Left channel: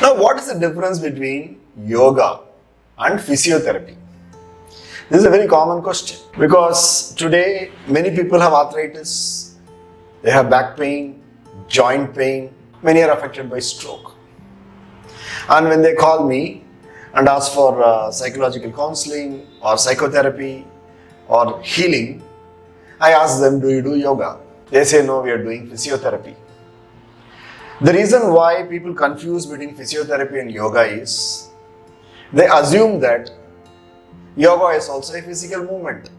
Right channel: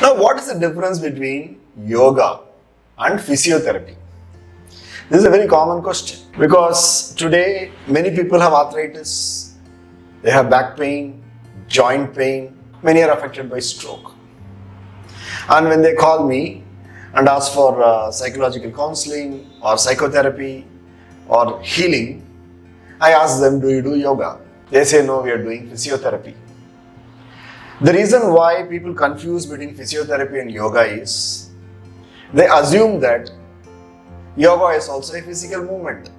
Now, what is the difference between yoga and physiotherapy? This is a very common question because today many people have arthritis, they have back pain, joint pain, many are affected by stroke. And when they call me and ask for psychological counseling or psychotherapy or healing, I ask them, do you do yoga? They say, no, we are doing physiotherapy. The reason why people confuse between physiotherapy and yoga is they assume that yoga is also a physical movement.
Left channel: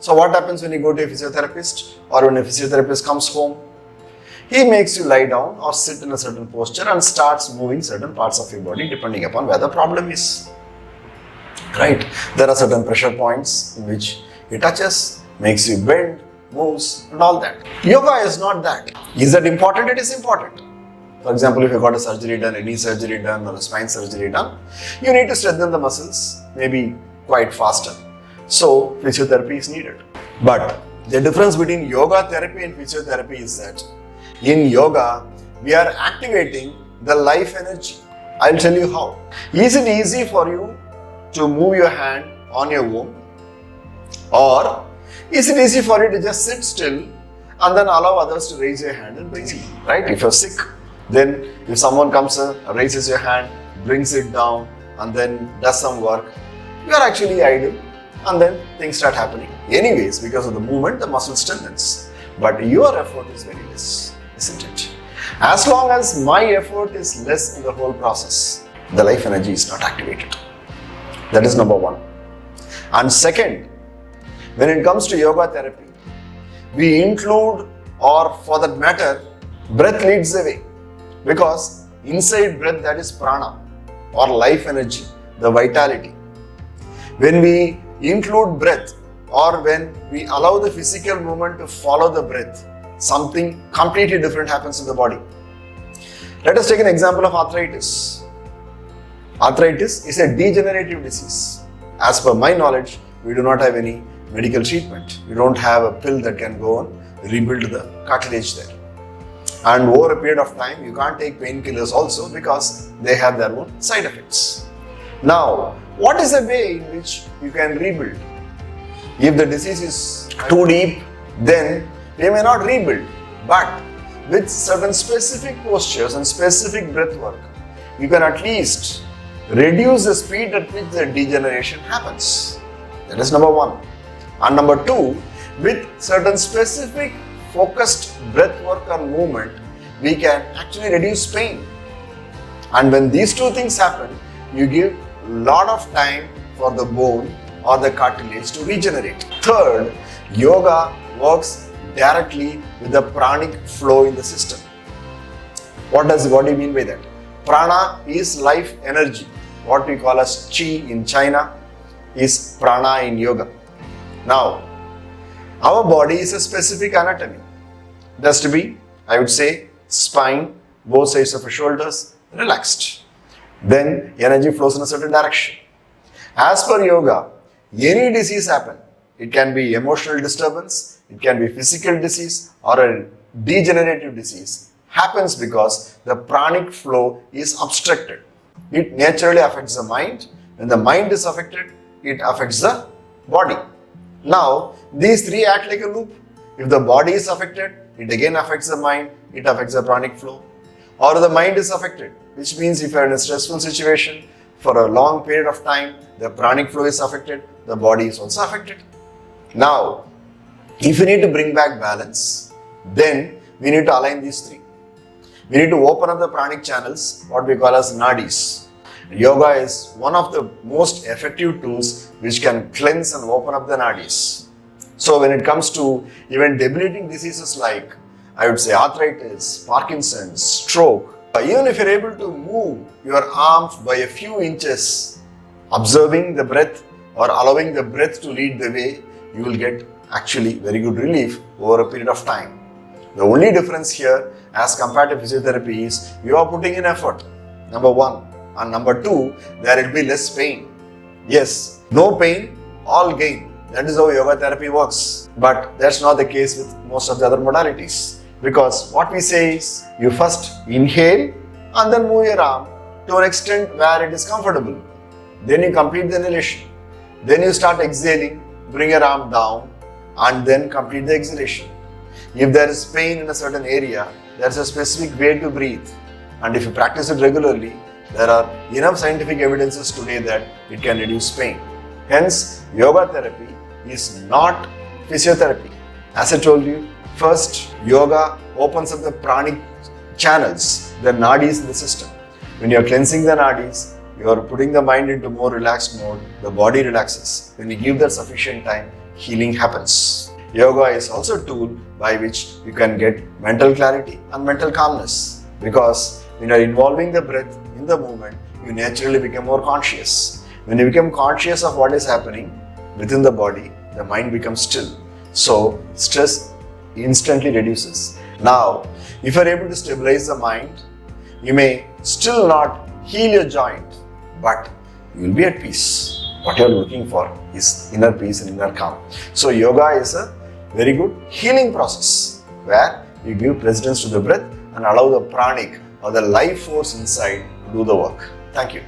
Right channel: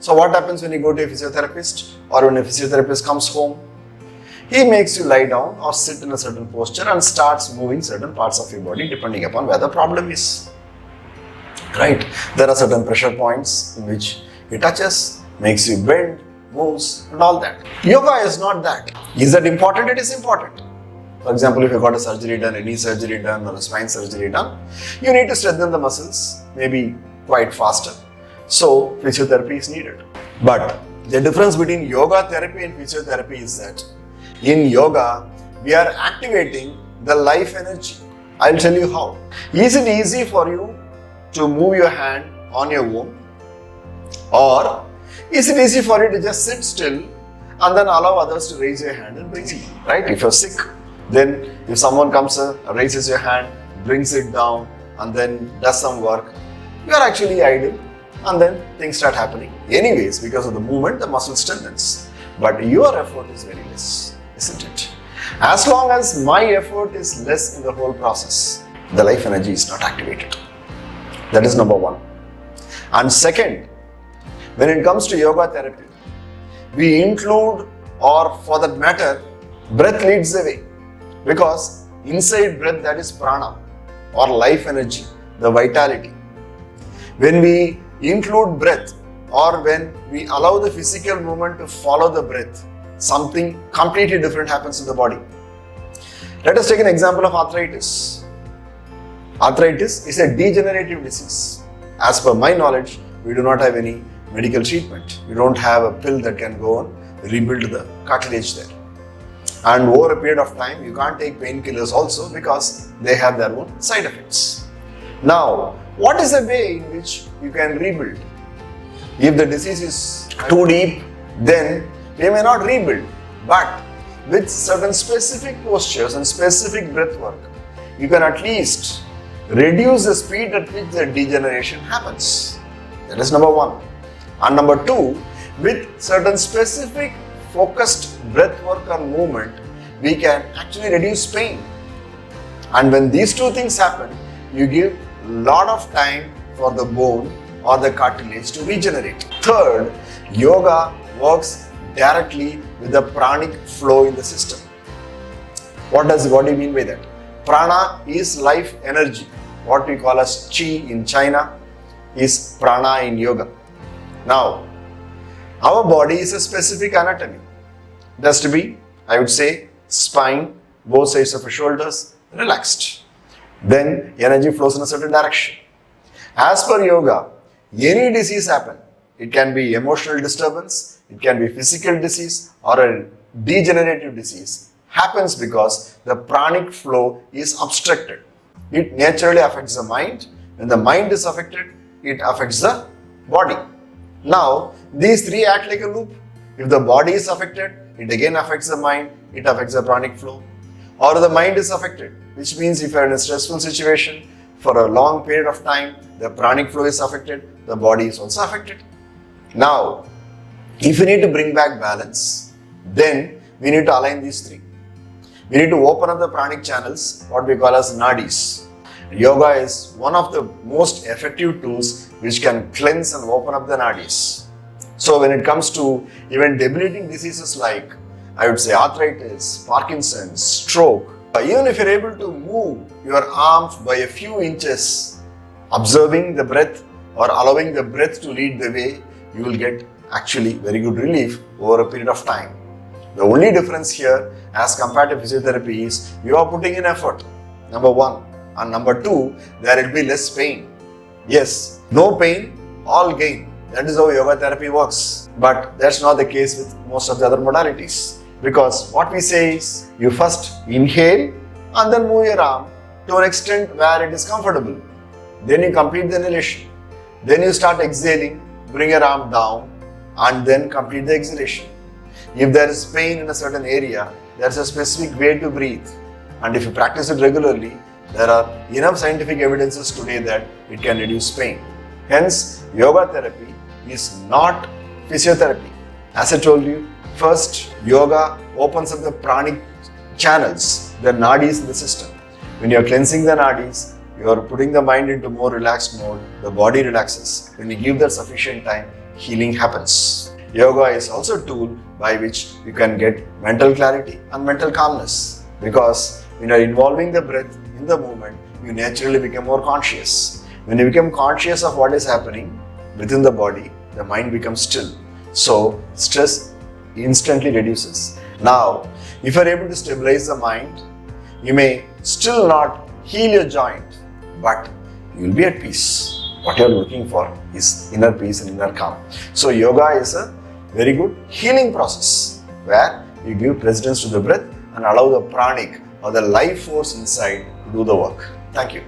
So what happens when you go to a physiotherapist or when a physiotherapist comes home? He makes you lie down or sit in a certain posture and starts moving certain parts of your body depending upon where the problem is. Right? There are certain pressure points in which it touches, makes you bend, moves and all that. Yoga is not that. Is that important? It is important. For example, if you got a surgery done, a knee surgery done or a spine surgery done, you need to strengthen the muscles, maybe quite faster. So, physiotherapy is needed. But the difference between yoga therapy and physiotherapy is that in yoga, we are activating the life energy. I'll tell you how. Is it easy for you to move your hand on your own? Or is it easy for you to just sit still and then allow others to raise your hand and raise it? Right? If you're sick, then if someone comes in, raises your hand, brings it down and then does some work, you are actually idle and then things start happening. Anyways, because of the movement, the muscle strengthens. But your effort is very less, isn't it? As long as my effort is less in the whole process, the life energy is not activated. That is number one. And second, when it comes to yoga therapy, we include, or for that matter, breath leads the way. Because inside breath, that is prana or life energy, the vitality. When we include breath or when we allow the physical movement to follow the breath, something completely different happens in the body. Let us take an example of arthritis. Arthritis is a degenerative disease. As per my knowledge, we do not have any medical treatment. We don't have a pill that can go on rebuild the cartilage there. And over a period of time, you can't take painkillers also because they have their own side effects. Now, what is the way in which you can rebuild? If the disease is too deep, then you may not rebuild. But with certain specific postures and specific breath work, you can at least reduce the speed at which the degeneration happens. That is number one. And number two, with certain specific focused breath work and movement, we can actually reduce pain. And when these two things happen, you give a lot of time for the bone or the cartilage to regenerate. Third, yoga works directly with the pranic flow in the system. What do you mean by that? Prana is life energy. What we call as chi in China is prana in yoga. Now, our body is a specific anatomy. It has to be, I would say, spine, both sides of the shoulders, relaxed. Then energy flows in a certain direction. As per yoga, any disease happen. It can be emotional disturbance, it can be physical disease or a degenerative disease. Happens because the pranic flow is obstructed. It naturally affects the mind. When the mind is affected, it affects the body. Now, these three act like a loop. If the body is affected, it again affects the mind, it affects the pranic flow. Or the mind is affected, which means if you are in a stressful situation, for a long period of time, the pranic flow is affected, the body is also affected. Now, if we need to bring back balance, then we need to align these three. We need to open up the pranic channels, what we call as nadis. Yoga is one of the most effective tools which can cleanse and open up the nadis. So when it comes to even debilitating diseases like, I would say, arthritis, Parkinson's, stroke, even if you're able to move your arms by a few inches, observing the breath or allowing the breath to lead the way, you will get actually very good relief over a period of time. The only difference here as compared to physiotherapy is you are putting in effort, number one. And number two, there will be less pain. Yes, no pain, all gain. That is how yoga therapy works. But that's not the case with most of the other modalities. Because what we say is, you first inhale and then move your arm to an extent where it is comfortable. Then you complete the inhalation. Then you start exhaling, bring your arm down and then complete the exhalation. If there is pain in a certain area, there is a specific way to breathe. And if you practice it regularly, there are enough scientific evidences today that it can reduce pain. Hence, yoga therapy is not physiotherapy. As I told you, first, yoga opens up the pranic channels, the nadis in the system. When you are cleansing the nadis, you are putting the mind into more relaxed mode, the body relaxes. When you give that sufficient time, healing happens. Yoga is also a tool by which you can get mental clarity and mental calmness. Because when you are involving the breath in the movement, you naturally become more conscious. When you become conscious of what is happening within the body, the mind becomes still. So, stress instantly reduces. Now, if you are able to stabilize the mind, you may still not heal your joint, but you will be at peace. What you are looking for is inner peace and inner calm. So, yoga is a very good healing process where you give residence to the breath and allow the pranic or the life force inside to do the work. Thank you.